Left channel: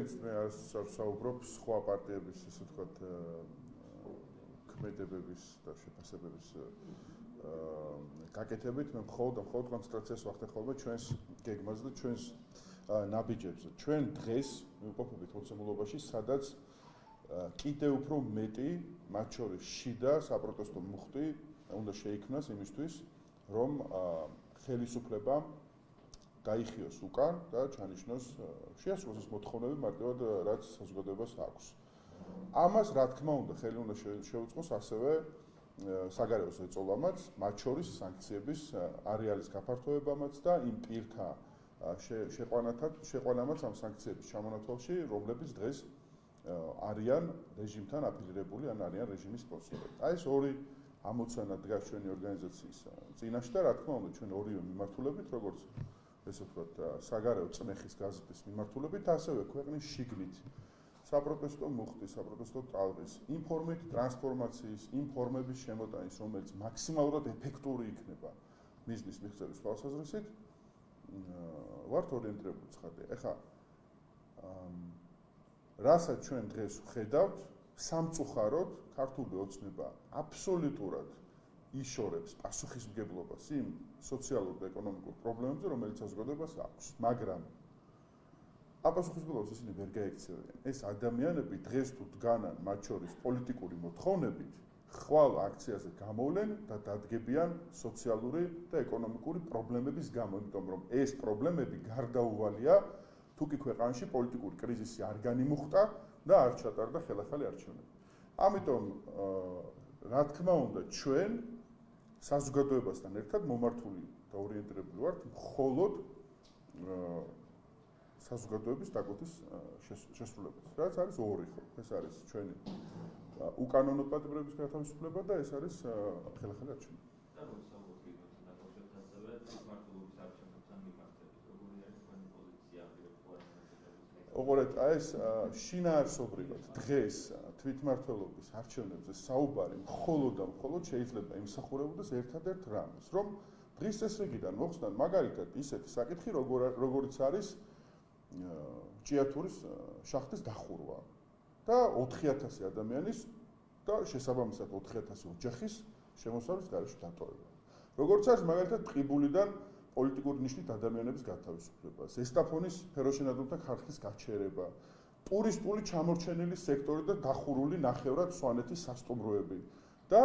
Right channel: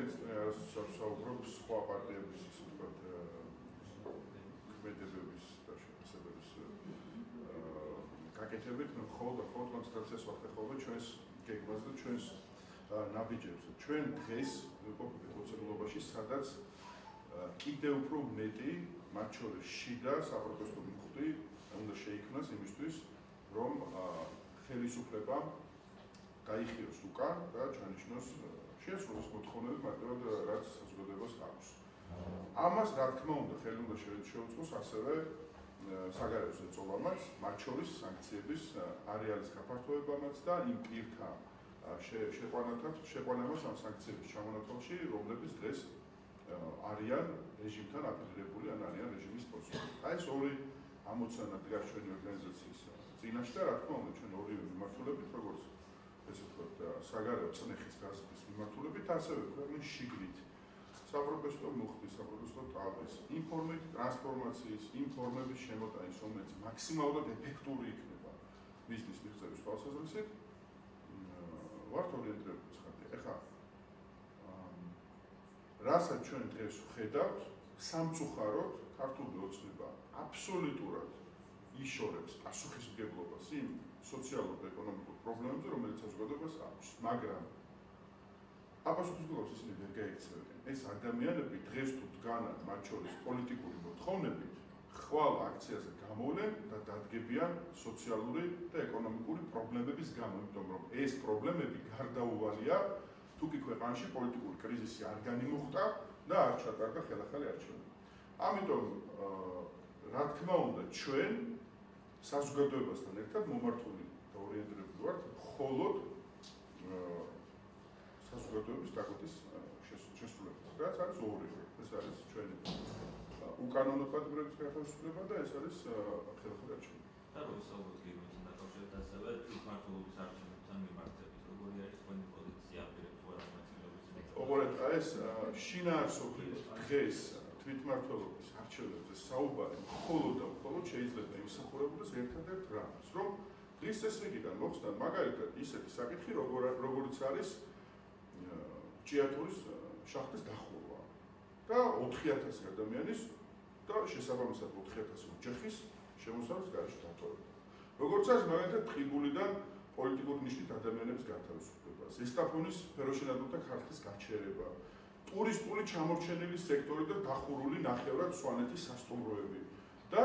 ჩვენც საუბრობთ სხვა პარტიების, ისე ვთქვათ, ქმედებების და შეფასებების გაკეთებით, მე მხოლოდ კონცენტრაციას ვახდე ხოლმე ჩვენს გეგმაზე და ჩვენს ნაბიჯებზე. ჩვენ დღეს ვიყოფებით მოცემულობაში, სადაც კიდევ უფრო მეტი, მათ შორის შიდა საპროტესტო მუხტი უნდა შეიქმნას იმისთვის, რომ ხელისუფლება გაიხიოს უკან და ჩანიშნოს შეასრულოს მოთხოვნები მარტივად რაც საზოგადოებას აქვს. ამას რა თქმა უნდა ხელი უნდა შეუწყოს ასევე საგარეო ზეწოლამაც, მათ შორის სანქციების არეალის გაფართოებამაც და იმ პირთა შეყვანამაც ამ სანქციების ჩამონათვალში, რომლებიც დღეს არიან რეჟიმთან აფილირებული ან არიან რეჟიმის სპონსორები. აი ეს ორი ამოცანა დგას ჩვენი ორგანიზაციის წინაშე და რა თქმა უნდა ჩვენ ორივე მიმართულებით, როგორც ესე ვთქვათ, საგარეო წნეხის გაზრდის მიმართულებით, ასევე ქვეყნის შიგნით საპროტესტო მუხტის, საპროტესტო ტალღის, იმ ფორმით ტრანსფორმაციის, იმ ფორმების შემოტანის, რომელიც მაქსიმალურად ეფექტური იქნება მისთვის მიღწევის თვალსაზრისით, ვართ ორიენტირებული ცხადია. ეხლა რასაც ჩვენ დღეს ვხედავთ, სამწუხაროდ ქართული ოცნება აბსოლუტურად იშორებს პასუხისმგებლობას იმ სოციალურ და ეკონომიკურ პრობლემებზე, რომელიც საზოგადოებას აქვს, მაგრამ აპასუხისმგებლობას ისინი ვერ გაექცევენ. ეს ადამიანები დღეს თუ დგანან მათ შორის პოლიტიკური მოთხოვნებით, ხვალ აქციაზე გამოვლენ და დადგებიან სოციალური და ეკონომიკური პრობლემების გამო, იმიტომ რომ ეს პრობლემები გარდაუვალია, თუ კი ქვეყანაში პოლიტიკური კრიზისი არ განიმუხტა და არ ჩატარდა ხელახალი არჩევნები. ამიტომ რა თქმა უნდა ჩვენ საზოგადოებასთან ერთად მომართული და ორიენტირებული ვართ მხოლოდ საზოგადოების დაკვეთის შესრულებით. რაც არის ორი ხო? ეს არის ჩვენი უკანონო პატიმრების გათავისუფლება და ეს არის ხელახალი არჩევნები. და რო ვისაუბროთ გეგმებთან დაკავშირებით ასევე თვითმმართველობის არჩევნებთან მიმართებით, როგორი არის თქვენი პოზიცია პირებს ვარაუდაციების? ოღონდ ეს შინაარსობრივად დღეს თვითმმართველობის არჩევნებზე საუბარი მხოლოდ და მხოლოდ შეიძლება იმსახურებოდეს ერთადერთ რამს, რომ დღის წესრიგიდან მოხსნან მაგალითად ისეთი საკითხი, როგორიც არის ჭიათურის შახტის დახურვა და 4000 ადამიანის და შესაბამისად 4000 ოჯახის შემოსავლის გარეშე დატოვება. როგორც არის მაგალითად ტყიბულიდან პოლიტიკური ნიშნით ადამიანების გათავისუფლება, ზესტაფონის ფეროშენადულთა ქარხის გაჩერება, ტურისტული ჩამორჩენილი სექტორი და დახურული ნახევრად სვანეთის სასტუმროები და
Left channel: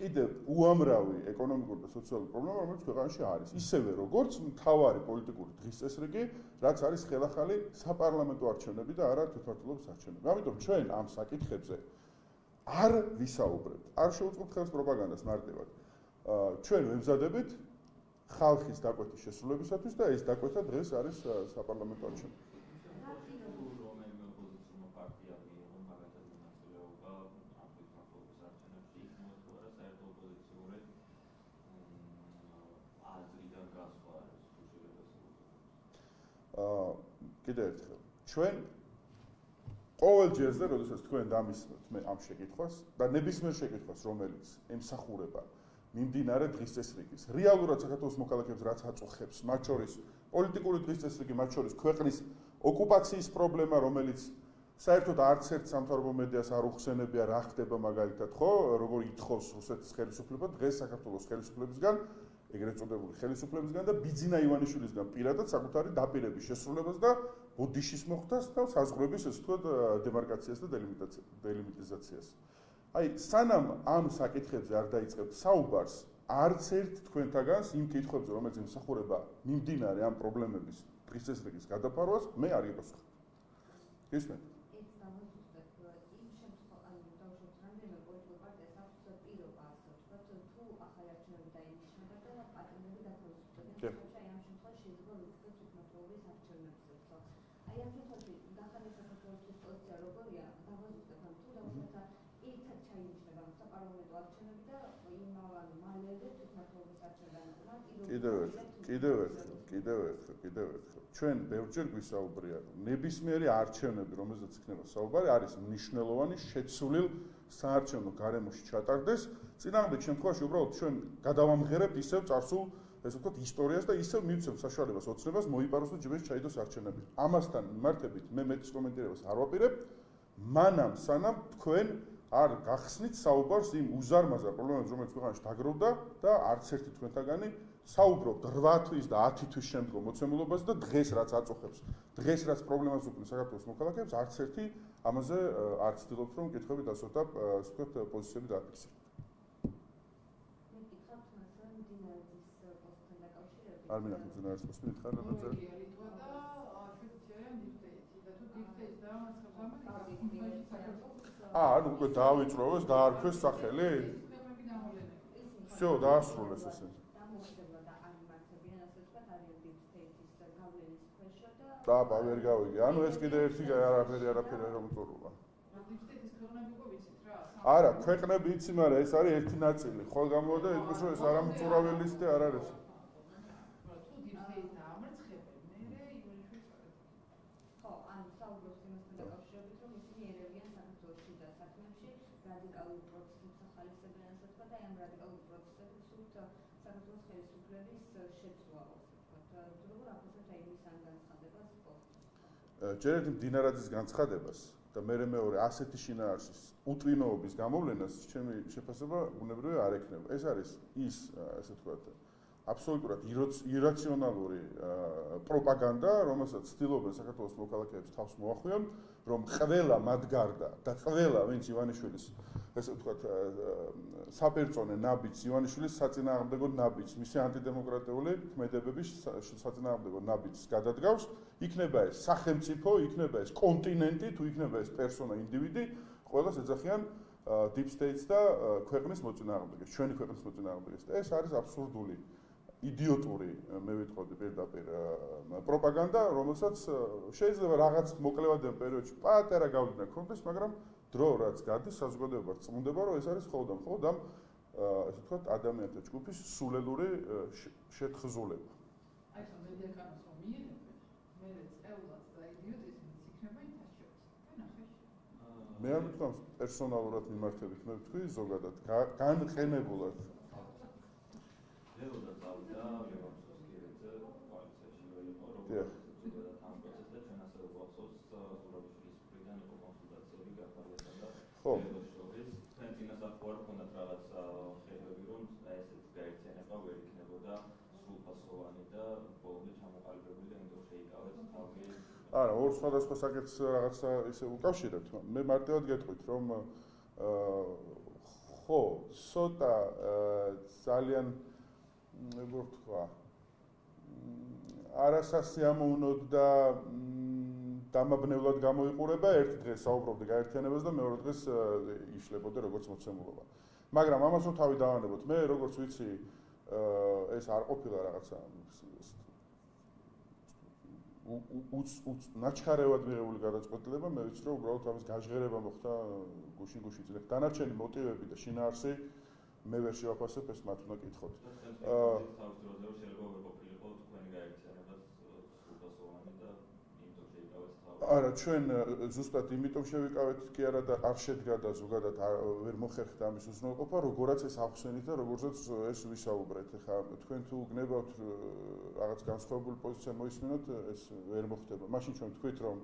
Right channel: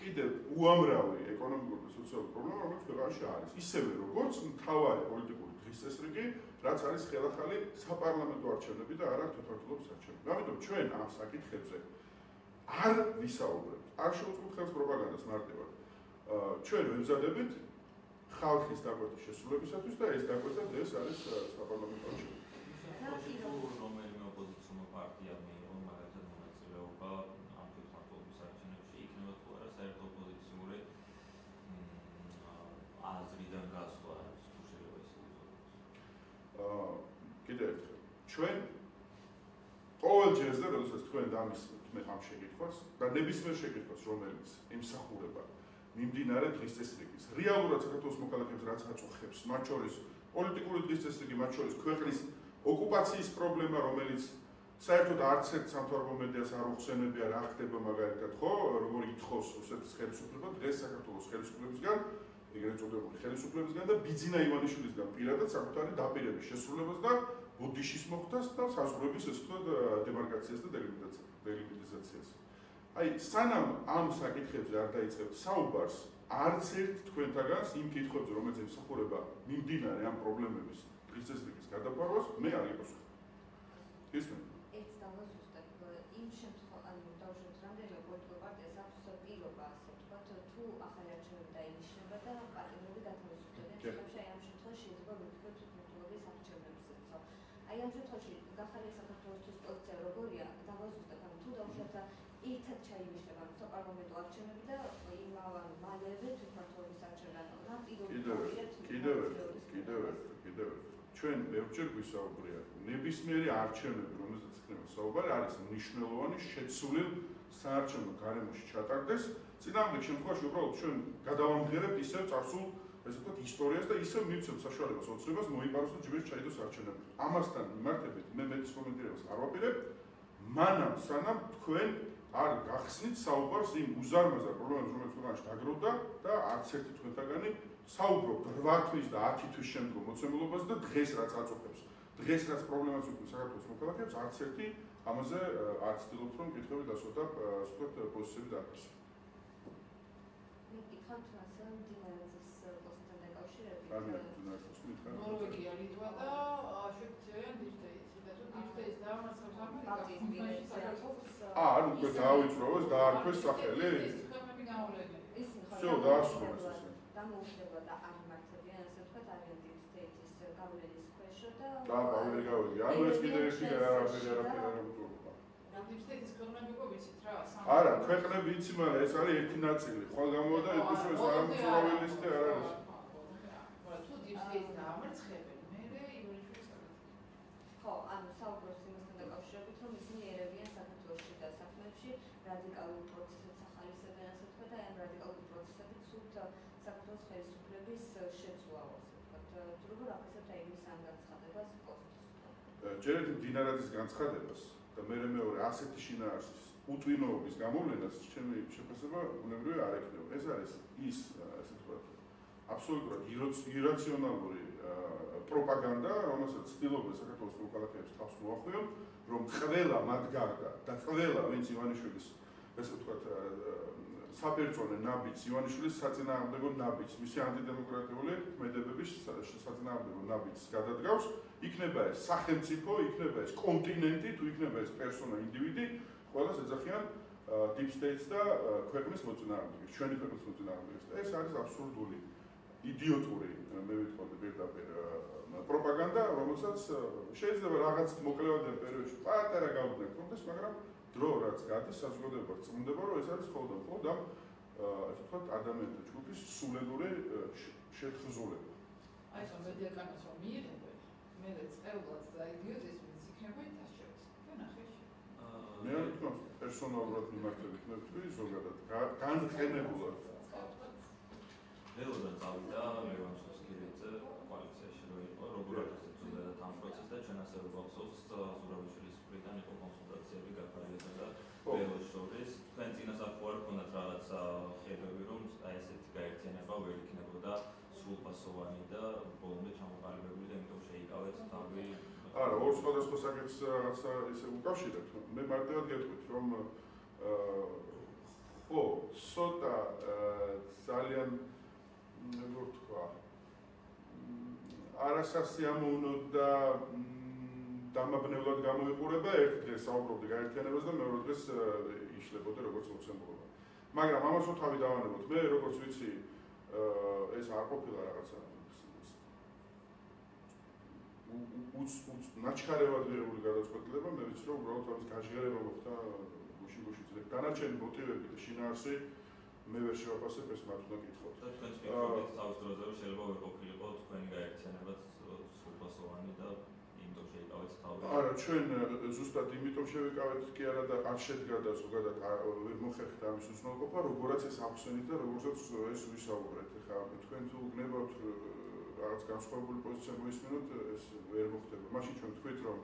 კიდევ უამრავი ეკონომიკური და სოციალური პრობლემა, რომელიც ქვეყანაში არის. ისევე როგორც მთავარი პოლიტიკური დღის წესრიგი, რაც არის ხელახალი საპარლამენტო არჩევნები და არა თვითმმართველობის არჩევნები. ამიტომ ჩვენ ამ საკითხებზე არ ვისაუბრებთ, არ შევუწყობთ ხელს პროპაგანდას მარტივად. ჩვენ ვემზადებით ხალხის დაკვეთის შესრულებისათვის და ეს დაკვეთა დღეს არის საპარლამენტო არჩევნები. რომელიმე ოპოზიციურ პარტია მიიღო მაგალითად მონაწილეობა ამ თვითმმართველობის არჩევნებში, იქნება თუ არა საერთო ოპოზიციური აზრიდან გასვლა, თუ შეიძლება ისე ვიზიაროთ. კიდევ ერთხელ, ჩვენ ყოველ ჯერზე, როდესაც თქვენ დამისმოთ მე ამ შეკითხვას და ნებისმიერ შეკითხვას, რომელიც ემსახურება მიმდინარე დღის წესრიგის, რეალურად საქართველოს მოქალაქეებს რაც აწუხებს, მათ შორის პოლიტიკური დღის წესრიგი, მათ შორის ქვეყნის ოკუპაციის პრობლემა, რომელიც საერთოდ არც ერთ სამთავრობო მედიას არ უხსენებია, რა ხდება მაგალითად, ხო, როგორ ითხოვს რუსეთის ხელისუფლება დღეს საქართველოს ხელისუფლებისგან, ეგრეთ წოდებული ხელისუფლებისგან და ბიძინა ივანიშვილისგან პირადად საკუთარი დაპირების შესრულებას და ბუდიშის მოხდას და საზღვრების ესე ვთქვათ დემარკაციას და დელიმიტიზაციას. აი, სანამ ამ საკითხებზე არ დაიწყებთ საუბარს, არც ერთ თქვენთაგანს იმ კითხვებზე, რომელიც ემსახურება მიმდინარე ამ პრობლემების დღის წესრიგის გადაფარვას, მე არ იპასუხებ. ისმენ? ეს დავასუსტებ იმ შემთხვევაში, დავუშვათ რამდენიმე პოლიტიკურ პარტიას აქვს პირობა, ასე ვთქვათ, თუ ახალი არჩევნები დაინიშნება და პარტიები გათავისუფლდნენ. აი ამ შემთხვევაში შეიძლება ვთქვათ თვითმმართველობის არჩევნებზეცო. აი ამ შემთხვევაში გახალე საქართველოსთვის პოზიცია როგორია? დავასუსტებ, თუ დავუშვათ ერთად ჩაინიშნება საპარლამენტო არჩევნები და იმავე მალევე თვითმმართველობის არჩევნები. კიდევ ერთხელ. ჩვენ ბევრჯერ გვისაუბრია, ნებისმიერი არჩევნები, რომელზეც იქნება საუბარი, არის მნიშვნელოვანი შეცვლილ საარჩევნო გარემოში ჩატარდეს. წინააღმდეგ შემთხვევაში უბრალოდ ჩვენ გადავამღერებთ ისევ წარსულ ესე ვთქვათ, ისტორიას და ისევ მივცემთ საშუალებას ოცნებას მოიპაროს და ჯერ ჩაიდოს არჩევნები. ამასთან მიმართებით მე მეტის კომენტირებას არ ვაპირებ, მანამ სანამ თქვენ არ გახსნით საუბარს იმ უზარმაზარ პრობლემებზე, რომელიც ქვეყანაში დაგროვდა და არც ერთი თქვენთაგანი საუბრობთ 8 თვის და 10 თვის შემდგომ მოცემულობას და დღეს რაც აწუხებს, დღეს რაც პრობლემას უქმნის საქართველოს მოქალაქეებს, არც ერთი ამაზე არ ცდილობთ რომ კითხვები დასვათ და ასე ვთქვათ პოზიციები დაარქვეს. არ მეახერხებს მდინარეს პოსტი მითხარ ნორვეგია, ლიტვა და შვეიცარია, დიპსტეიტი და თუ დიპსტეიტს დაამარცხებს ამერიკა, ანუ უკვე დაავიწროვეს, დაარქვეს სახელი? ქვეყნები გამოვლენილი. Всё, დაასრულეს ესე. დამოუკიდებელ და არ მართებიან, ასე ვთქვათ, არიან დიპსტეიტის გავლენის ქვეშ და ვერ გავიგე. ანუ ეს კიდე ერთი არაფერი არ უწურობა. დიპსტეიტის ქვეყნები უკვე ვიცით რა. არა, ქვეყნები იცი, მაგრამ ეს არის ერთი ნაწილი. ხო გამოვიდა იყოს რომ ეს არამწურავი ლისტი არ არის. ხო, ანუ საუბრობს იმასთან დაკავშირებით, რომ ისინი ერევიან საქართველოში და საქმეში რადიკალურ პროცესებს ახალისებენ, ასე ვთქვათ, და ამ რადიკალურ პროცესებით სულთ საქართველოს ხელისუფლების შეცვლაო, ასე ვთქვათ, როგორ აფასებთ აი მის ამ განცხადებას პოსტს? ჯერეთ მდინარაძის განცხადებას და მეორე ასეთი შინაარსის უტვინოობის გამოვლენას ჩემი შეფასება ბუნებრივი არ ექნება. ეს არის ის, ასე ვთქვათ, აბსოლუტურად ირაციონალური პროპაგანდა, რომელსაც ცდილობენ საქართველოს მოქალაქეებს თავს მოახვიონ, რომ ყველა მათ გარდა და ყველა ვინც ივანიშვილის, ესე ვთქვათ, საპერწონე ნაბიჯს, ივანიშვილის საწინააღმდეგო ნაბიჯს, მისი ანტიდემოკრატიული ქმედებების საწინააღმდეგო ნაბიჯს გადადგავს, იქნება ეს სახელმწიფო, იქნება ეს კონტინენტი, თუ იქნება ეს პერსონა, ინდივიდი, ყველას ეძახიან deep states და ქვეყნის მოწინააღმდეგეს, ჩვენი ქვეყნის მოწინააღმდეგეს. ეს არის აბსურდული იდიოტური, მე ვიტყოდი პირდაპირ პროპაგანდა, რომელსაც შეიძლება რაღაც მოკლევადელ პერიოდში პატარა გავლენა ქონდეს, მაგრამ დრო რაც გადის, საზოგადოება წმუნდება, რომ ეს არის მხოლოდ ამ ასე ვთქვათ, ადამიანთა ჯგუფის სულელური შეთხზულება. აი ეს მედიაკანოს რომ მიიღებენ, მე წევლად და იდიოტიზმიც იქნება ითაშებს. ვენახეში. მე არ ვთქვამს პერსონალურად მიმართებით, მე ვთქვი ზოგადად, განყენებულად. ველოდან წავიდა ლევანსკის კირიძე კოალიციაში რო იყო, როგორ აფასებდა ამ პროცესს და ჩვენ ასე რომ გვახსოვს ზურაბიშვილის მხრიდან იყო კონსულტაციები გაფარდა და ველოს შორის თქვენ წინასწარ ხო არ ქონდათ რაღაცა ხედვები რომ აი ესეთი გაერთიანება ვერ იქნებოდა სრულფასოვანი და ბოლომდე ჩამოყალიბებული და იმიტომ შეიკავეთ თავი. არა, ორ სხვადასხვა საკითხს რაღაცა ისე უკავშირებთ. მე მარტივად გეტყვით რომ ხო, ცოტა ძალიან როგორ თქვა, არასასიამოვნოდ და დამაბნევლად გამოიყურება, ერთ დღეს საუბრობდი გაერთიანებას და მეორე დღეს იშლებოდა როგორც მოცემულობა. მაგრამ ამას რომ თავი დავანებოთ, მე როგორც ვიცი, ეს არ ყოფილა რაღაცა ნაჩქარევად მიღებული გადაწყვეტილება, მე ვიცი რომ უბრალოდ ამის გაჟღერება მოხდა გუშინ-გუშინ. დანარჩენი მოტივები და შინაარსი მე ვერ შევაფასებ, ეს მათ უნდა კითხოთ. თქვენ თავის დროზე რომ შეიძლება ვერ ყოფილიყო თქვენი გაერთიანება სრულფასოვანი და იმიტომ შეიკავეთ თავი. არა, ჩვენ ზუსტად იმიტომ შევიკავეთ კი არა და არ შედგა და ზოგადად ვერ მოხერხდა ამის უზრუნველყოფა, როგორაც ეს ახსენით და როგორცაც ეს ვისაუბრეთ. ეხლა თქვენ თუ გნებავთ რაღაც განსხვავებული პოზიცია მოისმინოთ, ეს ვერ მოხდება. მაშინ ჩვენ თქვით რომ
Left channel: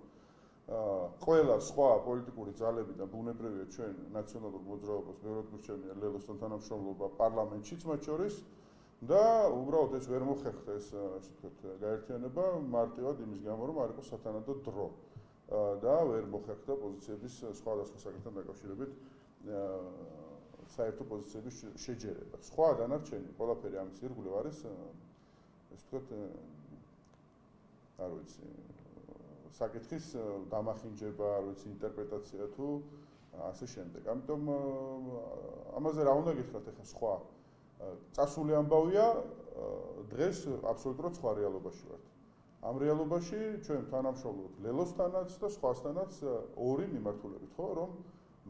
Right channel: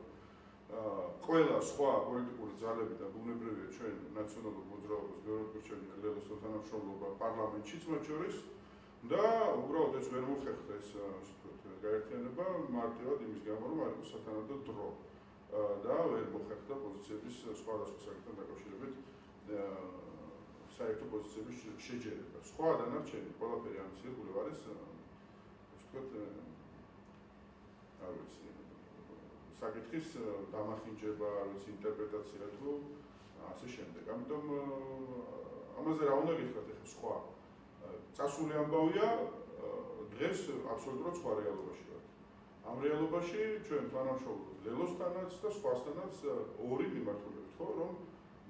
ყველა სხვა პოლიტიკური ძალები და ბუნებრივია ჩვენ ნაციონალურ მოძრაობას ბევრად გვირჩევია ლელოსთან თანამშრომლობა პარლამენტშიც მათ შორის და უბრალოდ ეს ვერ მოხერხდა ეს ასე ვთქვათ გაერთიანება მარტივად იმის გამო რომ არ იყო სათანადო დრო და ვერ მოხერხდა პოზიციების სხვადასხვა საკითხთან დაკავშირებით საერთო პოზიციების შეჯერება. სხვა დანარჩენი ყველაფერი ამის ირგვლივ არის ასე ვთქვათ არ ვიცი საკითხის დამახინჯება, არ ვიცი, ინტერპრეტაცია თუ ასე შემდეგ. ამიტომ ამაზე რა უნდა გითხრათ ახლა სხვა წასული ამბავია, დღეს აბსოლუტურად სხვა რეალობაში ვართ. ამ რეალობაში ჩვენ თანამშრომლობთ ლელოსთანაც და სხვასთანაც ორი მიმართულებით, ხო, რომ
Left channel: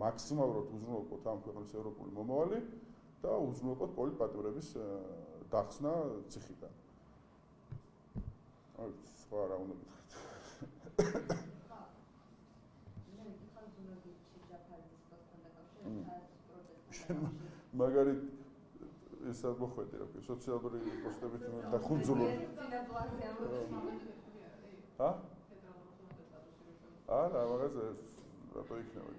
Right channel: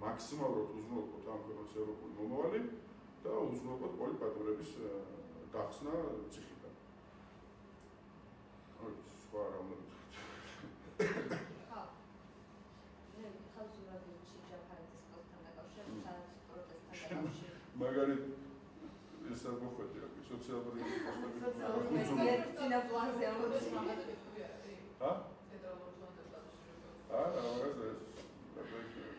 მაქსიმალურად უზრუნველყოთ ამ ქვეყნის ევროპული მომავალი და უზრუნველყოთ პოლიტპატიმრების დახსნა ციხიდან. აი, სხვა რა უნდა მაგალითად ეს მოხვედი რა სოციალური პოსტები და ხუნძური ჰა? არა, მაგას რატო იქნება?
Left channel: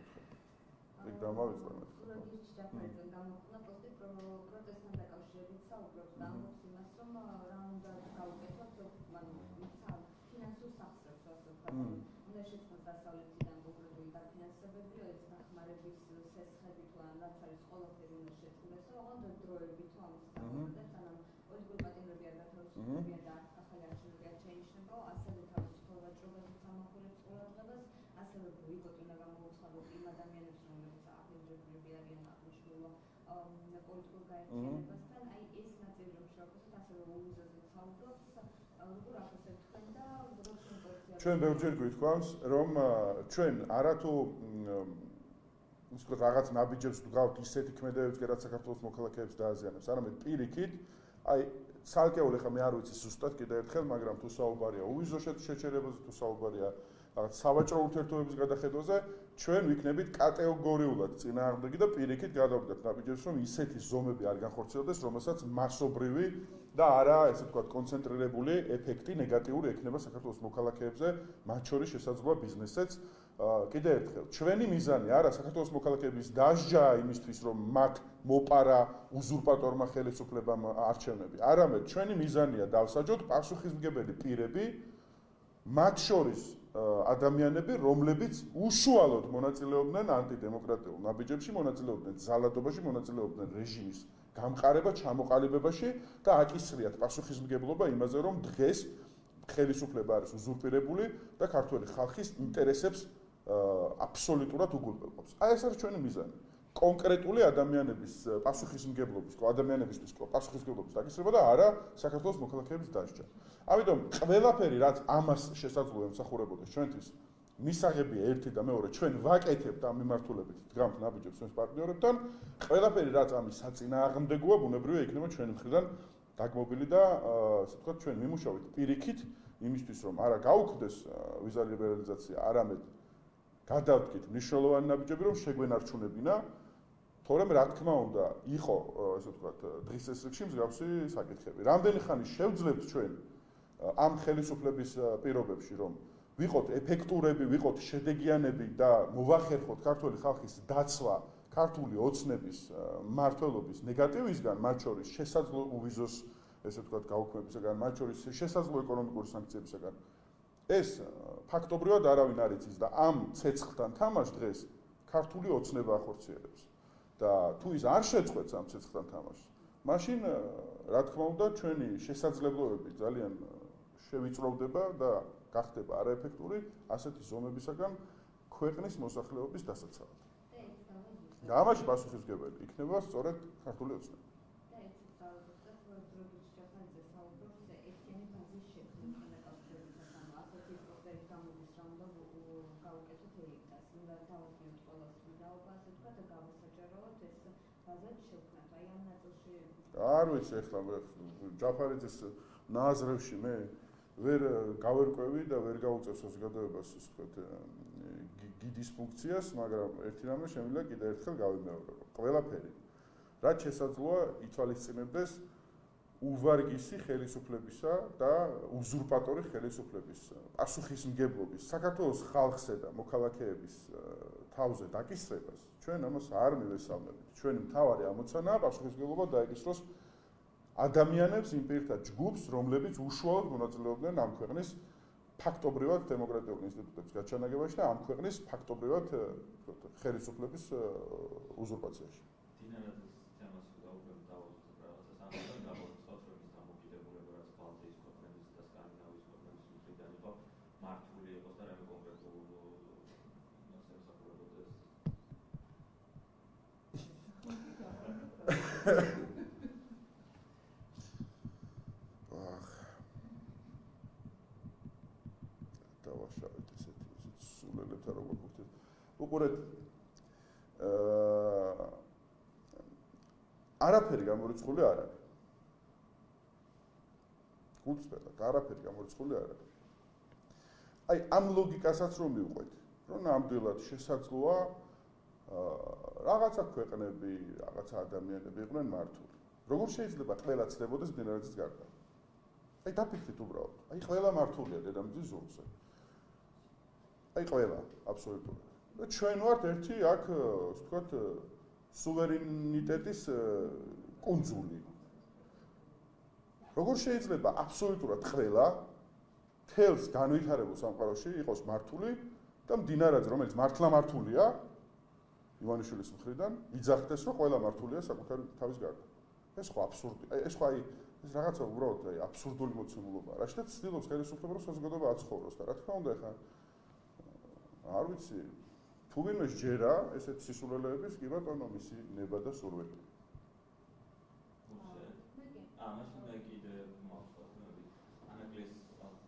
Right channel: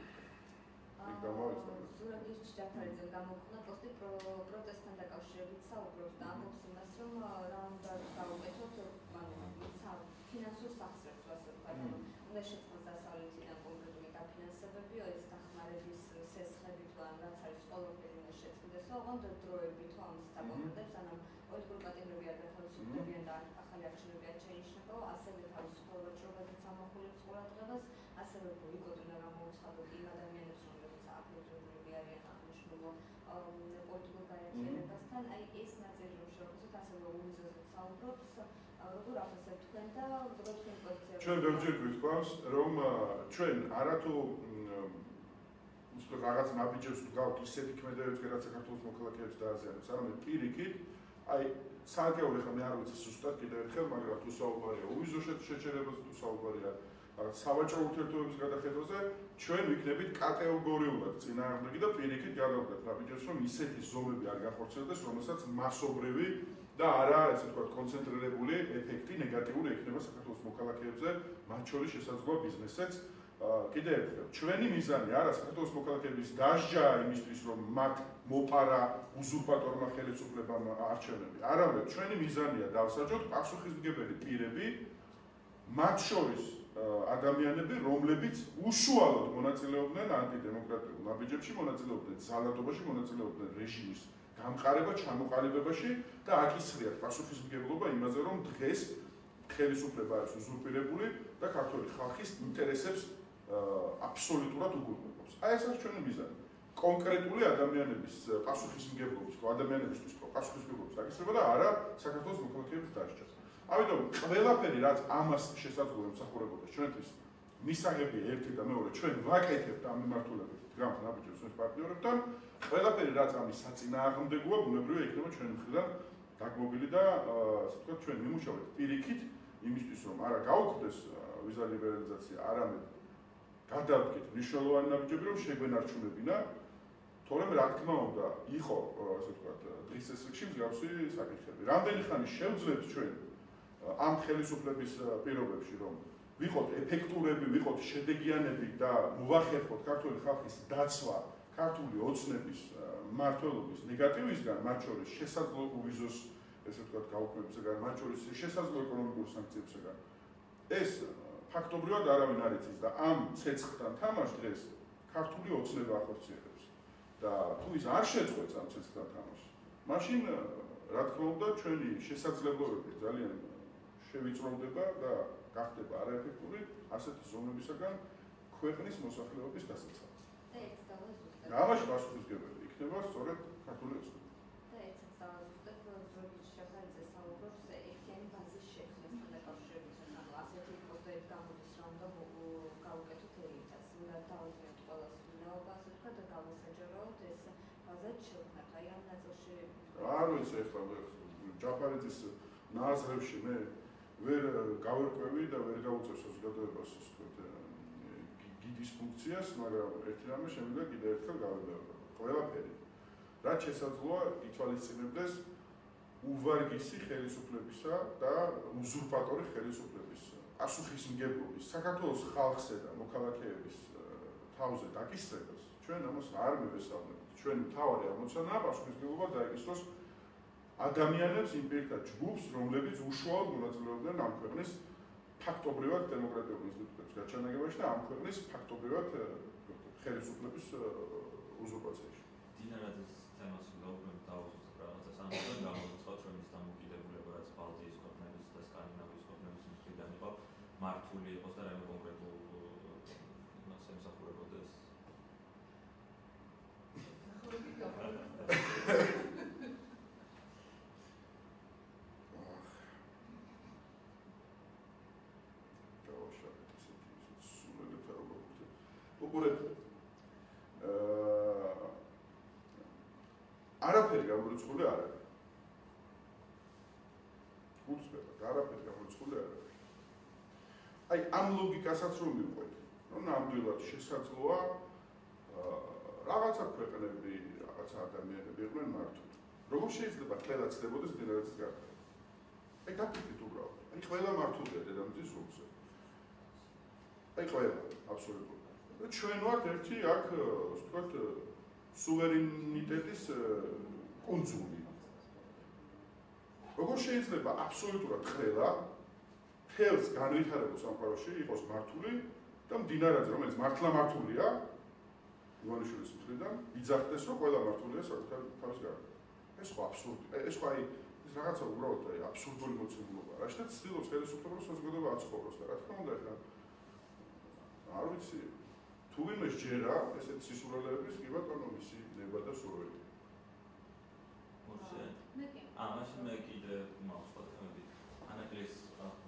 იქ დამავიწყდა. სურაგის ჯაფარიძე გამოხდა პოსტი პროტესტთან დაკავშირებით საუბრობს და ამბობს იმას, რომ რა უნდა გავუკეთოთ, ფინანსურ სახსრებს ასე ვთქვათ, უნდა შეწყოს დასავლეთიდან კონკრეტული დაფინანსებები, ეს დახმარების სესხები თუ ამ რაც არის ყველაფერი უნდა შეწყდეს, ოღონდ დროებით თუ ამის საკონკრეტებს, ანუ პოლიტიკური პატიმრები არ გათავისუფლებიან და ახალი არჩევნები არ შეინიშნება, ასევე თავისუფლებას რომელზეც ამახვილებს ყურადღებას, ასევე ბოიკოტი უნდა გამოუცხადოთ იმ ადამიანებს, რომლებიც აფეთქებულები არიან აღნიშნულ პოლიტიკურ გაერთიანებასთან, აი ეს ნაწილი რომ შევხვდეთ, ასევე უვიზოზე საუბრობს, როგორ ახსენებთ თქვენ და როგორ შევხვდეთ ჩვენ ბევრჯერ გვითქვამს, რომ ჩვენ არათუ უბრალოდ რაღაც ნაბიჯებს ვდგავთ ისეთი ქმედებებს, რაც საქართველოს მოქალაქეებს დააზიანებს, არამედ პირიქით, აი ცალკეული ხა მე არ ვიცი ზუსტად კიდევ ერთხელ, მაგრამ თუ საუბარია უვიზო შეჩერებაზე, თუ საუბარია რაღაც სავაჭრო ურთიერთობების გადახედვაზე, ჩვენ ვიქნებით კატეგორიულად წინააღმდეგი და პირიქით გადავდგეთ ნაბიჯებს, რომ ისეთი ზომები არ განხორციელდეს, რომელსაც მასობრივი და არა, ესე ვთქვათ, კონცენტრირებული ეფექტი ნეგატიური ექნება საქართველოს მოქალაქეებზე, მათ შორის შესაძლოა ბიზნესეც. კიდევ ერთხელ, ჩვენი მიზანი არა საქართველოს მოქალაქეების დასჯა იმისთვის, რომ მათ მოპარა უზურპატორმა ხელისუფლებამ არჩევნები. არამედ ჩვენი მიზანია დავსაჯოთ პასუხისმგებელი პირები, მათ შორის ადამიანები, რომლებიც უშუალოდ მონაწილეობდნენ ანტიდემოკრატიულ ნაბიჯებში, მონაწილეობდნენ ძალადობაში, მონაწილეობდნენ რეჟიმის გამყარება, ჩამოყალიბებაში და აკისრიათ პასუხისმგებლობა იმაზე, რომ დღეს ხელისუფლება არის უზურპირებული და ქართული ხალხის ინტერესებს აბსოლუტურად უგულვებობს. აი ეს არის ჩვენი მიზანი. კონკრეტული ადამიანების პასუხისმგებლობის, ადამიანებისთვის პასუხისმგებლობის დაკისრება და არა საქართველოს მოქალაქეების დასჯა. ამიტომ ყველაფერი რაც ამას შესაძლოა ემსახურებოდეს ჩვენთვის მისაღებია ერთი და მეორე ჩვენ ვაკეთებთ ამ მიმართულებით დგამთ ნაბიჯებს ჩვენს პარტნიორებთან ყველაფერი რაც ამის საწინააღმდეგოა ბუნებრივია იქნება ჩვენი მხრიდან დაგმობილი და ასე ვთქვათ ჩვენ ვიმუშავებთ პირიქით იმისთვის რომ არა გაუქმდეს ვიზა ლიბერალიზაცია არამედ გადავდგეთ მნიშვნელოვანი ნაბიჯები რომ შეგვენარჩუნებინა თორემ რა თქმა უნდა იყო ასე ვთქვათ დღის ეს რიგში მსგავსი საკითხები რამდენი ხანი შევძლებთ ჩვენ ამ ხელისუფლების პირობებში რომ ვიყოთ ეფექტურები, ვიყოთ შედეგიანები და მოვახერხოთ ქართული ხალხის დაცვა ქართული ოცნების მმართველობის ნეგატივისგან, მათ შორის შესაძლო უვიზოს, ესე ვთქვათ, გაუქმებისგან, მათ შორის შესაძლო ეკონომიკური სანქციებისგან. ეს ფაქტობრივად არავინ არ იცის და ამ ცეცხლთან თამაშს დღეს ქართული ოცნება ახორციელებს. და თუ ის არ შეწყვეტს ამ ცეცხლთან თამაშს, მაშინ რა თქმა უნდა ჩვენი შესაძლებლობები ძალიან შევიწროვდება და გახდება არაეფექტური ასეთი ზომებისაგან ქვეყნის მოსახლეობის დასაცავად. და ამაში პასუხისმგებელი იქნება სწორედ ქართული ოცნება. და ეს ზუსტად ზურგის შეხარიძე საუბრობს ერთიანი ბაზის შექმნას დაკავშირებით ანუ ასეთი პოსტები გამოდის რომ და გავუკეთოთ ელიტას. უნდა დავუდგენთ ყველას ვინაობა ასე ვთქვათ და გამოსაჯაროოთ ეს ბაზა შექმნათ. აი ამ ნაწილში არ ვიცი ახლა ჯაფარიძის ნაზრებში მე ვერ გავერკვევი და ვერ გავუწევ საზოგადოებას ასე ვთქვათ გიდის ფუნქციას, მაგრამ ერთი რამე შემიძლია კიდევ ერთხელ გავიმეორებ. ყველაფერი რაც შესაძლოა ითვალისწინებდეს უვარგისი ხელისუფლებისა და უზურპატორი ხელისუფლების პასუხისმგებლობის საქართველოს ხალხსა და მოქალაქეების თავზე დაკისრებას ჩვენ ამას არ მივესალმებით. ჩვენი მთავარი ამოცანაა პასუხისმგებლობა დაეკისროს ადამიანებს იმ პირთა ჯგუფს, რომლებიც უშუალოდ მონაწილეობდნენ ამ ქვეყნის ფაქტობრივად დემოკრატიულ ინსტიტუტების გაჩანაგებაში და ამ ქვეყნის ფაქტობრივად ხელისუფლების უზურპაციაში. დინარაძის თემას უნდა უკვე დავუსწრებთ რაღაცას ამიტომ გამოცხადოთ რომ ის დამოკიდებულება რაც ბალტიის ქვეყნების და სკანდინავიის ქვეყნების მხრიდან იყო მართული იყოს და რამე კონკრეტულ იმას ემსახურებოდეს. უყურეთ არაფერი გამორიცხული არ არის. უცბად არაფერი გამორიცხული არ არის. აი ამ ლოგიკასაც რომ მივყვეთ, რომ ნამდვილად შესაძლოა რაღაცა ქვეყნები, რაღაცა ადამიანები იყვნენ მართული. როგორ შეიძლება ყველა ცდებოდეს მდინარეების გარდა? აი დაფიქრეთ უბრალოდ. აი ყველა მართულია დედამიწის ზოლზე. აი ყველა, აბსოლუტურად. და ჩვენ ვართ ერთი აქ, ვთქვათ, სუვერენიტეტის კუნძული. როგორ შეიძლება აბსოლუტურად ყველა თელს განვითარებულ სამყაროში იყოს მართული და მდინარეზე, რომელიც მართლა მართულია, ივანიშვილის მხრიდან, ვიძახდეს, რომ ყველა მართულია საკუთარი თავის გარდა. ეს ხო აბსურდი. ეს ხო აი ეს რაღაცა უბრალოდ აი აბსურდული მოცემულობაა. რა შეიძლება ცდილობს ხელისუფლება საზოგადოება აცხოვროს და რა თქმა უნდა ახლა არ ვიცი თუ ვინმე ჯერა ესეთ სისულელეების კი ბატონო მისი ნება და სურვილი. მაშინ მე კიდე მახსოვს ანაკლის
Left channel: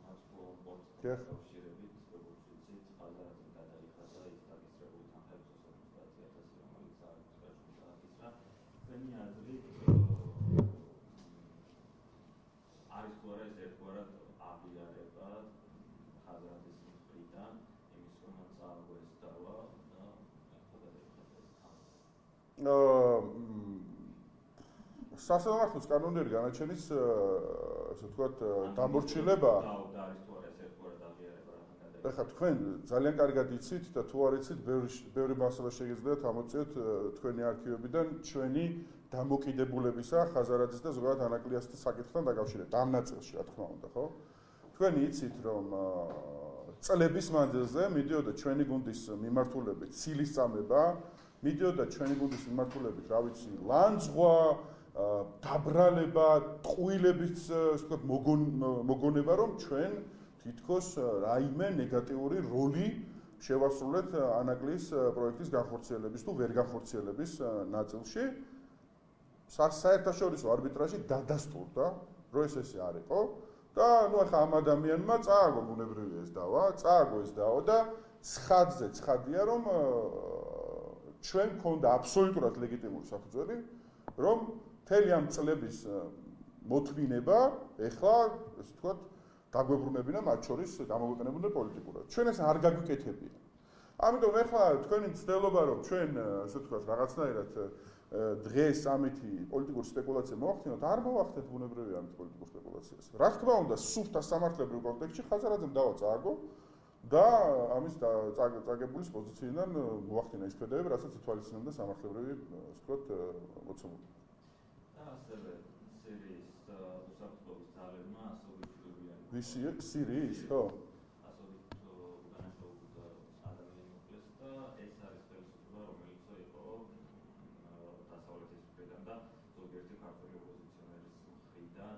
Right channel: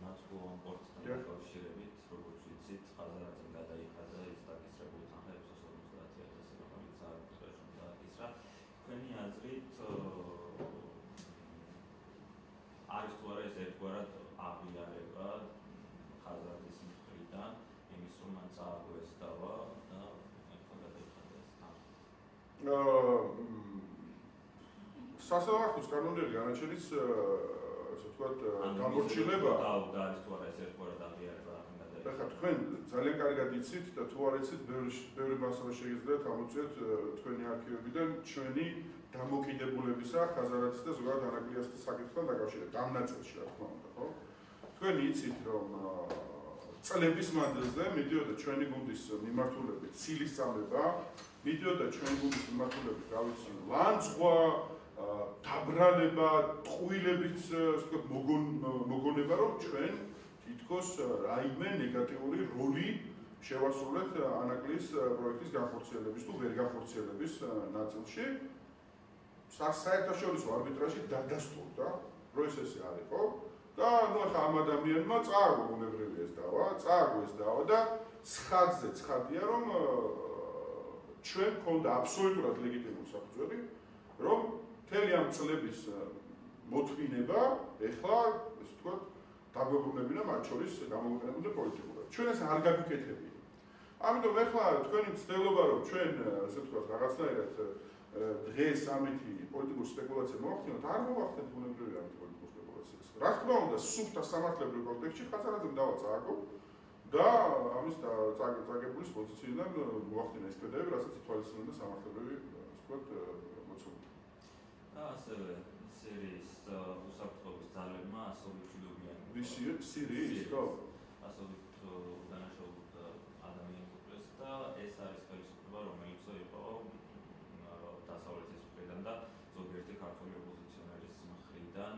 ნაცვლოვან პორტთან კავშირებით როგორც ვიცით ხაზარაძე გადაიხადა ის დაგისრებულ თანხებს 50,000 რომელიც არ უნდა ისრა თქვენი აზრით არის თუ არა ეს ერთგვარად აღიარება ხაზარაძის მხრიდან იმის რომ მან წააგო ეს დავა და გადაიხადა ეს თანხა სასამართლოს კანონიერი განაჩენის ასე ვთქვათ დამორჩილება და არის თუ არა ეს ერთგვარად აღიარება ეხლა თქვენ ძალიან კარგად იცით და თუ არ იცით ბევრი მასალა შეგიძლიათ ამოწიოთ თქვენი არქივებიდან ჩვენი დამოკიდებულებისა ხაზარაძის და ზოგადად ანაკლიასის საკითხთან დაკავშირებით ამ ნაწილში რა თქმა უნდა ხო თქვენ იცით რომ წლების მანძილზე მიდიოდა ჩვენი გუნდის მიმართულებით ცილისწამება მიდიოდა ჩვენი გუნდის მიმართულებით რა ვიცი ლანძღვა დაბრანება, ტყუილების მოგონება, რომ ჩვენ თითქოს რაიმე ნეგატიური როლი შევასრულეთ ანაკლის პროექტის განხორციელების თუ ვერ განხორციელების ნაწილში. საერთაშორისო არბიტრაჟი დადასტურდა, რომ ესე არ იყო და ნუ ახლა ამ ადამიანმა წააგო ბუნებრივი ეს დავა და ცხადზე ცხადია, რომ ჩვენ გქონდა აბსოლუტურად ლეგიტიმური საფუძველი, რომ მთელი ამ წლების მოთმინება ეხლა ესე ვთქვათ დაგვებრუნებინა მათ შორის გამოვიყენებოდა პოლიტიკურად. ჩვენ ეს არ გაგვიკეთებია. ამიტომ ეხლა თქვენი ცდილობა რომ ჩვენ ასე ვთქვათ რაღაცნაირად დღეს ამითი პოლიტიკური სპეკულაცია მოახდინოთ, არ მოახდინოთ ბუნებრივი ამით პოლიტიკურ სპეკულაციას. რა თქმა უნდა, სუფთა სამართლებრივ კონტექსტში ხაზარაძემ დავა წააგო და ამის წაგებულის პოზიციიდან მოახდინა ის ხედავები, რასაც ითვალისწინებდა სამართლებრივი ასე ვთქვათ მოცემული. ასევე სირიის უსაფრთხოების ძალებმა ასობით სირიის ხო? ასობით დანაშაულ ადამიანს მოკლეს და ეს არის ხელისუფლება, რომელიც იყო დასავლეთის მხრიდან და ზოგიერთი ქართული ოპოზიციონერის მხრიდან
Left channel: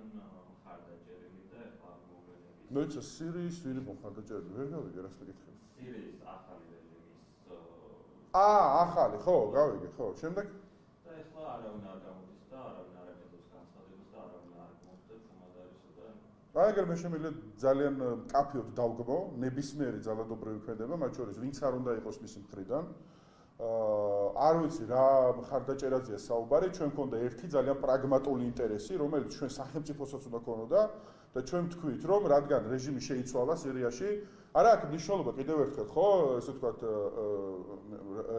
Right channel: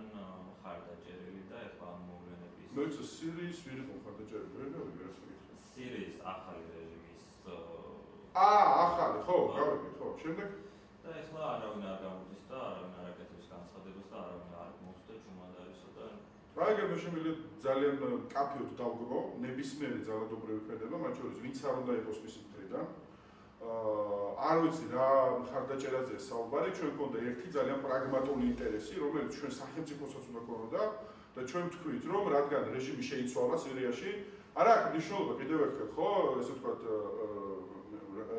მხარდაჭერილი და ეხლა მოვლენების მეც სირიის ვინ იყო მხარდაჭერილი? ვერ გავიგე რას ვიკითხე. სირიის ახალი რეჟიმის ახალი ხო, გავიგე ხო. შემდეგ და ეხლა არავინ არ გაგვდის და არავინ არ აკეთებს განცხადებას და არავინ არ მოსწდა ჩუმადარისო და აგერ მე შემიძლია ძალიან კაფეოდ დავგმო ნებისმიერი ძალადობრივი ქმედება, მათ შორის ვინც არ უნდა იყოს მისი მხრიდან. არ ვიცი რა მხარდაჭერაზეა საუბარი, ჩვენ გქონდა ერთი ძალიან პრაგმატული ინტერესი, რომელიც ჩვენ სახელმწიფოსაც უნდა გქონოდა და ჩვენ ვთქვით, რომ რადგან რეჟიმი შეიცვალა სირიაში, არა აქვს მნიშვნელობა კიდევ ერთხელ, ხო, ესე ვთქვათ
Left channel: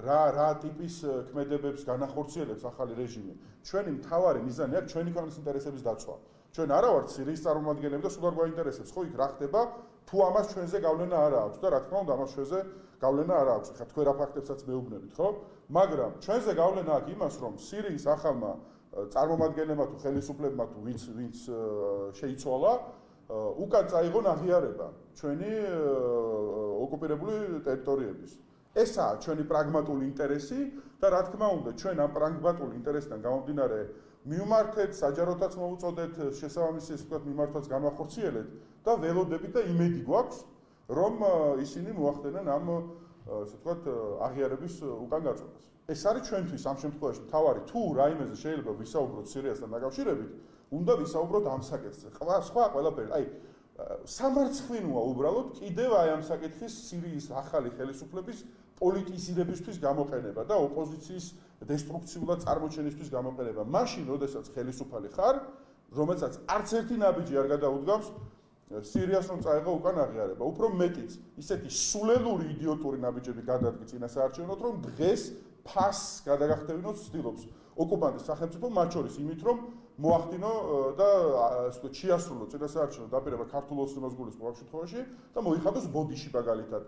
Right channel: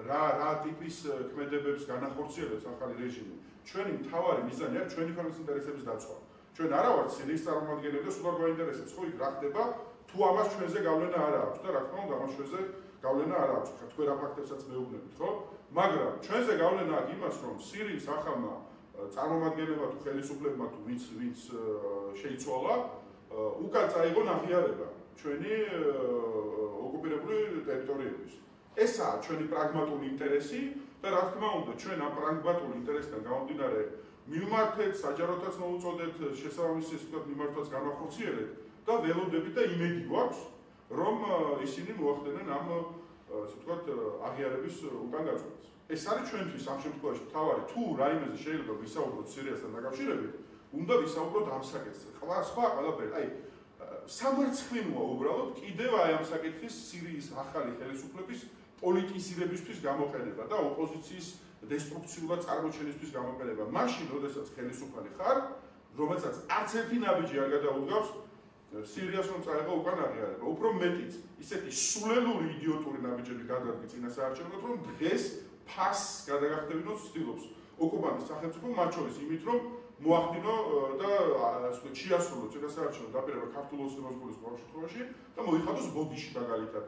რა ტიპის ქმედებებს განახორციელებს ახალი რეჟიმი. ჩვენი მთავარი მიზანი აქვს ჩვენი ქვეყნის ინტერესების დაცვა. ჩვენ არა ვართ სირიის წარმომადგენლები და სულ არ გვაინტერესებს, ხო, იქ რა ხდება, თუ ამას ჩვენზე გავლენა არ აქვს და რა თქმა უნდა ამას ჩვენზე გავლენა არ აქვს. ხა თქვენ რა ფაქტებსაც მეუბნებით, ხო? მაგრამ ჩვენზე გავლენა აქვს იმას, რომ სირიის ახალმა წარმომადგენლებმა თუ ხელისუფლებმა თუ ვინც შეიცვალა, უკან წაიღონ აღიარება ჩვენი ოკუპირებული ტერიტორიების. ესაა ჩვენი პრაგმატული ინტერესი და რა თქმა უნდა ჩვენ ამ პრაგმატული ინტერესიდან გამომდინარე მიმართეთ, საჯაროდაც მოუწოდეთ, შესაბამისი ისე ვთქვათ მიმართვაც განახორციელეთ და ველოდებით და იმედი გვაქვს, რომ ისინი მოახდენენ ამ ასე ვთქვათ აღიარების უკან გაწყვეტას. ეს არის ჩვენთვის ამ შემთხვევაში მთავარი თუ რაიმეზე შეიძლება ვისაუბროთ სირიასთან დაკავშირებით, უნდა ვისაუბროთ ამ საკითხზე. სხვა ყველაფერი, აი სამარცხვინოა უბრალოდ კიდევ აი ამ საკითხის სირიის ახალი ხელისუფლების პოლიტიზირებისთვის გამოყენება და ოპოზიციის დესტრუქციულად წარმოჩენისთვის გამოყენება. მაშინ, როდესაც ხელისუფალი ხარ, რომელსაც არც ერთი ნაბიჯი არ გადაუდგავს სირიას რომ წაიღო უკან აღიარება. უფრო მეტიც, ისეთი სულელური იდიოტური ნაბიჯები გადადგი წინასაარჩევნოდ, რომ დღეს ფასს გადაგახტევინოს ცდილობს ოკუპანტის სახელმწიფო, მათ შორის იმით, რომ მოახდინო და შეასრულო წინასაარჩევნო დაპირება ქართულ ოცნებას გულისხმობ შემთხვევაში და მოიხადოს ბოდიში მაგალითად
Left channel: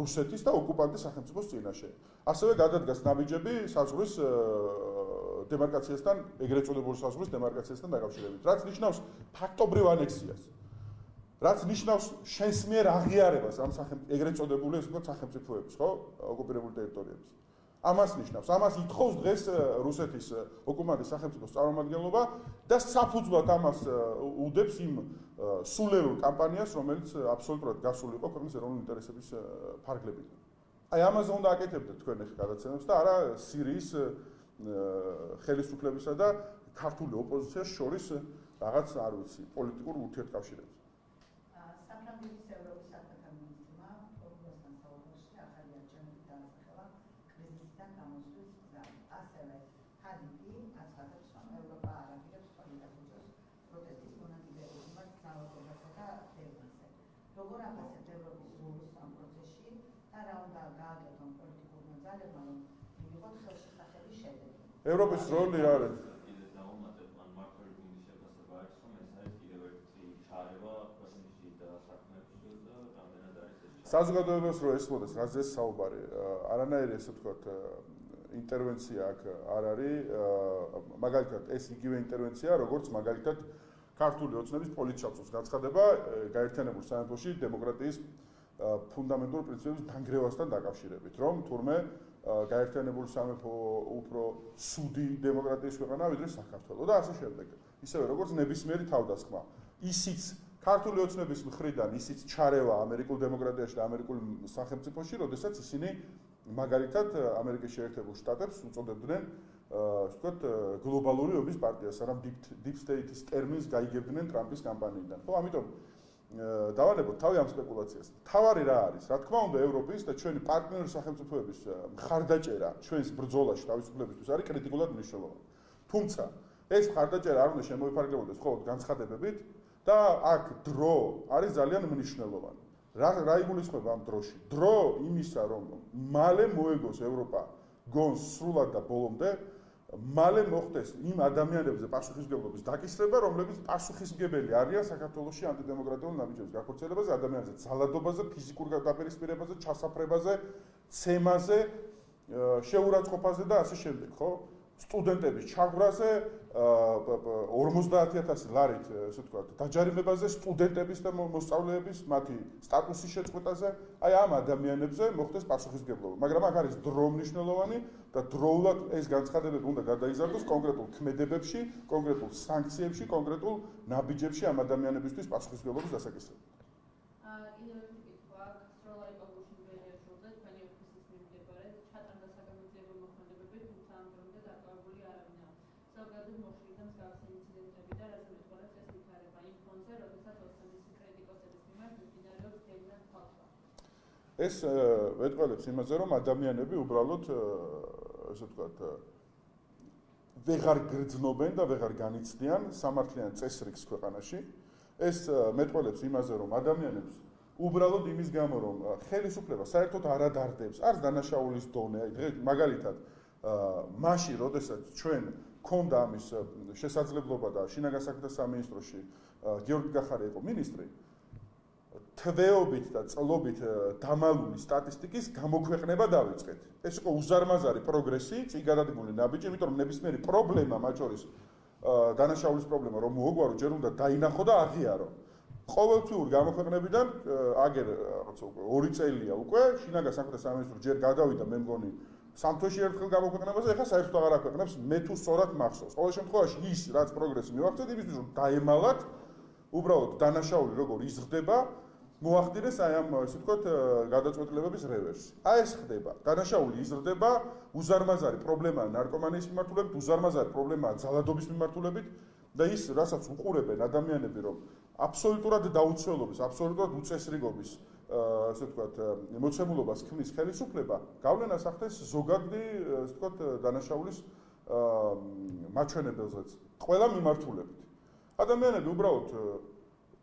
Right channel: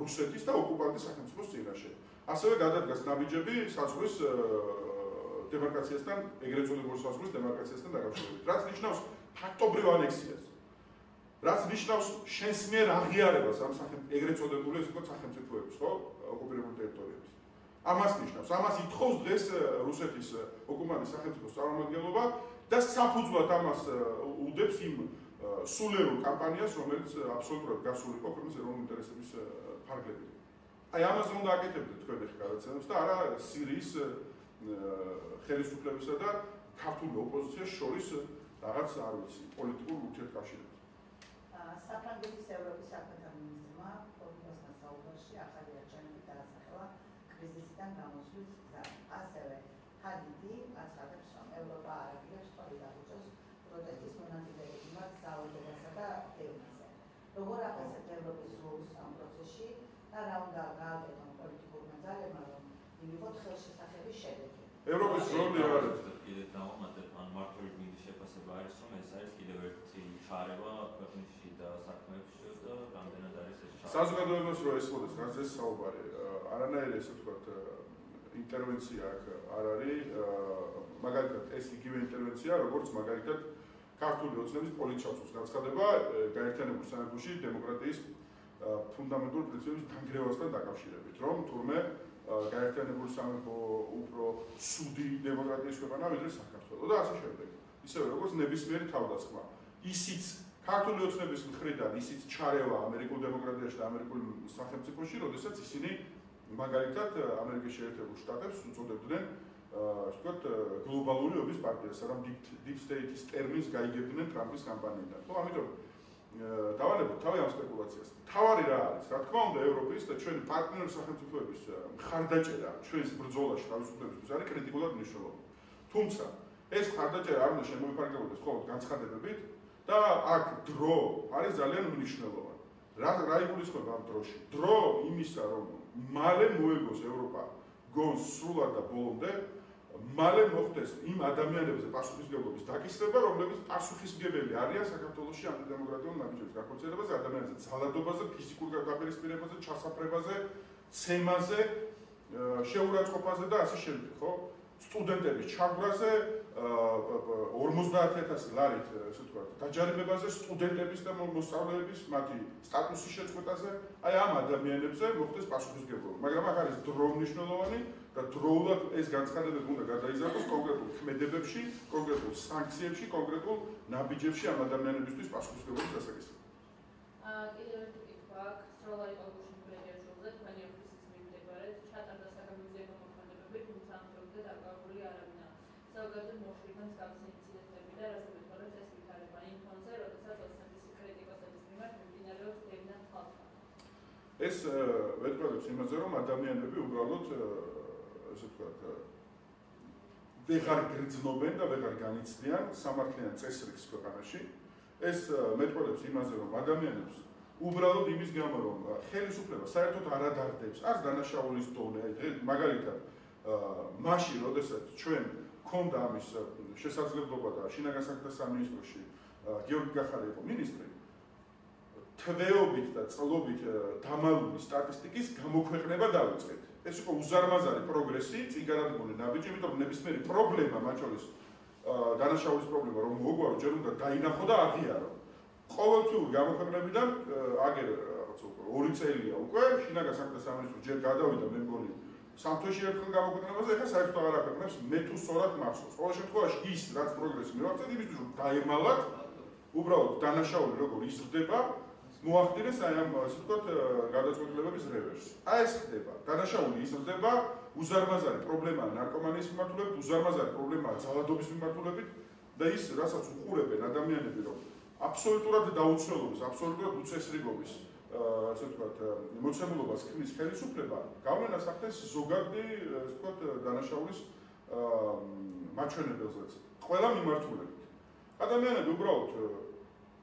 რუსეთის და ოკუპანტის სახელმწიფოს წინაშე. ასევე გადადგას ნაბიჯები საზღვრის დემარკაციასთან, ეგრეთ წოდებული საზღვრის დემარკაციასთან დაკავშირებით. რაც ნიშნავს ფაქტობრივ ანექსიას. რაც ნიშნავს შენს მიერ აღიარებას ამ ეგრეთ წოდებული ესე ვთქვათ სახელმწიფოების, ხო? ოკუპირებული ტერიტორიების. ამას ნიშნავს. ამას ითხოვს დღეს რუსეთის ოკუპანტის სახელმწიფოს წარმომადგენლობა და საფუძვლად ამას უდებს იმ სულერულ კამპანიას, რომელიც აბსოლუტურად გასული იყო ქვეყნის ეროვნული ინტერესების ფარგლებით. აი ამაზე უნდა აკეთებდეთ თქვენ ახლა გადაცემებს და არა სირიის ხელისუფლებისა და ქართული ოპოზიციის შორის რაღაც არ ვიცი პოლიტიკურ ურთიერთკავშირებს. საფრანგეთის ევროპის საქმეთა მინისტრმა პროგნოზთან საუბარში ახალი არჩევნები დაასახელა კრიზისიდან გამოსვლის გზად. ასევე ჰადიდი აცხადებს, რომ ევროპა არ აპირებს სწორი დახუჭოს პროტესტის მონაწილეების მიმართ ძალადობასა და დევნაზე. როგორ ახასიათებთ ევროპის როლს ამ პროცესში და რა უნდა გააკეთონ პოლიტიკურმა ძალებმა, რომ მივიღოთ ხელშესახების შედეგი? ევროპის როლი რა არის? კიდევ დავამატებ, ან მართალი მინდის შეფასება არის, რომ ეს არის კიდევ ერთი ჩარევა ქვეყნის და საქმეებში და რამდენად არის ეს ჩარევა. საზოგადოებას რო ესმოდეს, რაზე საუბარი, არანაირი ესე ვთქვათ ინტერვენცია აქ არ არის, მაგალითად ეს იგივე ინტერვენცია, როგორც მაგალითად ქართული ოცნების პოლიტჩავსოს გაცხადება გაერთიანებულ სამეფოში დემოკრატიის ფუნდამენტურ პრინციპების დანგრევასთან დაკავშირებით, რომ თურმე გაერთიანებული სამეფო უფრო ცუდი დემოკრატიის ქვეყანაა ვიდრე საქართველო და ასე შემდეგ. ისევე როგორც ნებისმიერი თავდასხმა. ისიც ქართული ოცნების მხრიდან ისიც ჩარევა ამერიკულ დემოკრატიაში და ამერიკულ სახელმწიფოში, როდესაც ისინი მაგალითად ამერიკის შეერთებულ შტატებს უწოდებდნენ ვთქვათ გლობალური ობის პარტიას, სანამ deep state-ის ტერმინს გაიგებდნენ ტრამპის კამპანიიდან. ხო, ამიტომ დავალებოთ თავი ამ სპეკულაციას. თავარი რა არის? რა თქმა უნდა, ევროპის და ჩვენი პარტნიორი სახელმწიფოების მხარდაჭერა ჩვენს ბრძოლაში თავისუფლებისთვის არის კრიტიკულად მნიშვნელოვანი. თუმცა ეს მხარდაჭერა არ უნდა შემოიფარგლებოდეს მხოლოდ განცხადებებით და აქ დრო არის ძალიან მნიშვნელოვანი. რა იგულისხმება ამ დროში? დრო იმისა, რომ მალე მოეგოს ევროპა გონს სრულად და ბოლომდე, მალე მოხდეს იმ ადამიანებზე პასუხისმგებლობის დაკისრება, რომლებიც პასუხისმგებელი არიან საქართველოში ანტიდემოკრატიულ ნაბიჯების გაქორწინებაზე, ადამიანებზე ძალადობაზე, ფიზიკურ დაპირისპირებაზე, ჩასაფრებაზე, ცემაზე, შეურაცხყოფაზე და ასე შემდეგ, ხო? სტუდენტების ჩაგვრაზე, 50,000 ლარით, ესე ვთქვათ, დაჯარიმებაზე, სტუდენტების და მოსწავლეების მათი სტატუსის შეწყვეტაზე, აი ამ ადამიანებზე მოხდეს პასუხისმგებლობა. მაგრამ აქ არის დრო მნიშვნელოვანი და დროულად ეს განცხადებები უნდა გადაიზარდოს კონკრეტულ ქმედებებში, კონკრეტულ სანქციებში, კონკრეტულ ნაბიჯებში ამ ადამიანებისთვის პასუხისმგებლობის დასაკისრებით. კიდევ ერთი კითხვა აქვს, სროლა იყო გუშინ ბედიაშვილზე, თქვენი ოფისის მიმდებარედ, ჩატარდა საგამოძიებო მოქმედებები, თუმცა ამ დრომდე დაკავებული არ არიან. ზოგადად მოხდიდან მსგავსი ინციდენტები და რაზე მეტყოლებს ეს ვითარება იმ ფონზე, როდესაც ოცნების კრიტიკოსების მიმართ მიმდინარეობს დევნად ხალხა. ეს მეტყოლებს იმაზე, რომ ადამიანები უბრალოდ ასე ვთქვათ ვეღარ გრძნობენ და ვეღარ განიცდიან სამართლიან წესრიგს ქვეყანაში. ეს მეტყოლებს იმაზე, რომ ადამიანებს უბრალოდ იმის გამო, რომ ხელისუფლება საერთოდ არ ადარდებს, არც დანაშაულის დონე, მაგალითად, მაშინ, როდესაც ჩვენ გქონდა ამის შესაძლებლობა და შინაგან საქმეთა სამინისტროში გიორგი კახარი იყო მინისტრი, თვეობით და წლობით დამალული სტატისტიკის გამოქვეყნება დავიწყეთ. ეს იყო უზარმაზარი პროგრესი, წინ გადადგმული ნაბიჯი, იმიტომ რომ ნებისმიერი პრობლემა, მათ შორის დანაშაულის პრობლემა, რომ მოუგვარო, ჯერ უნდა დაინახო და აღიარო. ყოველთვიური გამოქვეყნებიდან აგერ რაღაცა უკვე 2 წელია უკვე შინაგან საქმეთა სამინისტრო ჯერ გადავიდა მე მგონი სამთოში ერთხელ გამოქვეყნებაზე, ეხლა საერთოდ აღარ აქვეყნებს, მე თუ სწორად მახსოვს. ყოველ შემთხვევაში ის რაც პროგრესი მივახცეთ, იმისთვის რომ დაემალათ უბრალოდ დანაშაული როგორ იზრდება, მოახდინეს აი ამ ასე ვთქვათ გადაწყვეტილებების რევერსი. აი ეს ხდება. დანაშაული იზრდება, უზარმაზარი პრობლემაა ნარკომანიის მიმართულებით, უზარმაზარი პრობლემაა ძალადობის მიმართულებით და ის რასაც უყურებენ ადამიანები, რომ აბსოლუტურად დაუცველობის, აბსოლუტურად უწესრიგობის ასე ვთქვათ მოცემულობას ქმნის ხელისუფლება, გავლენას ახდენს ზოგადი ასე ვთქვათ დანაშაულის მაჩვენებელზეც ყველა მიმართულებით. ადამიანები უბრალოდ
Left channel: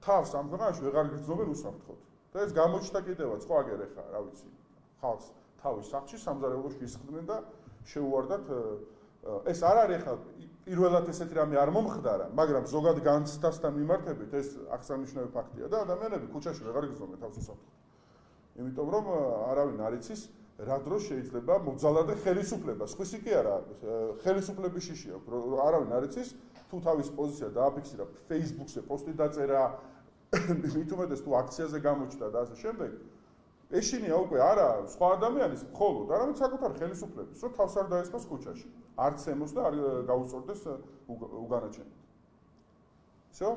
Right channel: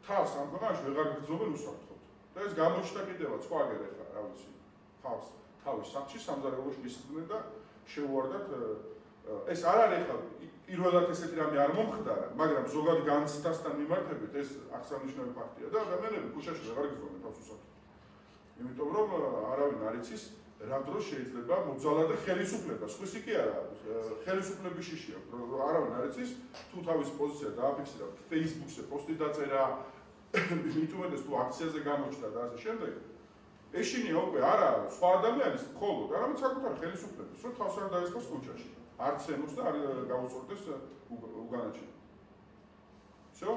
თავს ამ ქვეყანაში ვეღარ გრძნობენ უსამართლოდ. და ეს გამოჩნდა კიდევაც ხო აგერ ეხა, რა ვიცი, ხალხს თავის სახლში სამზარეულოში ისხდნენ და შეუვარდათ ეს არ არის ეხა პირველად ესეთი რამე არ მომხდარა, მაგრამ ზოგად განცდასთან მიმართებით ეს აღსანიშნავი ფაქტია და ადამიანები ქუჩაში აღარ გზნობენ თავს უსაფრთხოდ. იმიტომ რომ არავინ არ იცის რა დროს შეიძლება მოძალადე ხელისუფლება, სხვისი კი არა, ხელისუფლების შიში აქვს, არავინ არ იცის თუ თავის პოზიცია დააფიქსირა Facebook-ზე პოსტი დაწერა, მით უმეტეს თუ აქციაზე გამოჩნდა და ასე შემდეგ. ეშინია უკვე არა სხვა ადამიანის მხოლოდ, არამედ საკუთარი ხელისუფლების, რომ თავს არ დაესხოს ქუჩაში. არც ემოს და არ გაუწორდეს უგანაჩენად. Всё?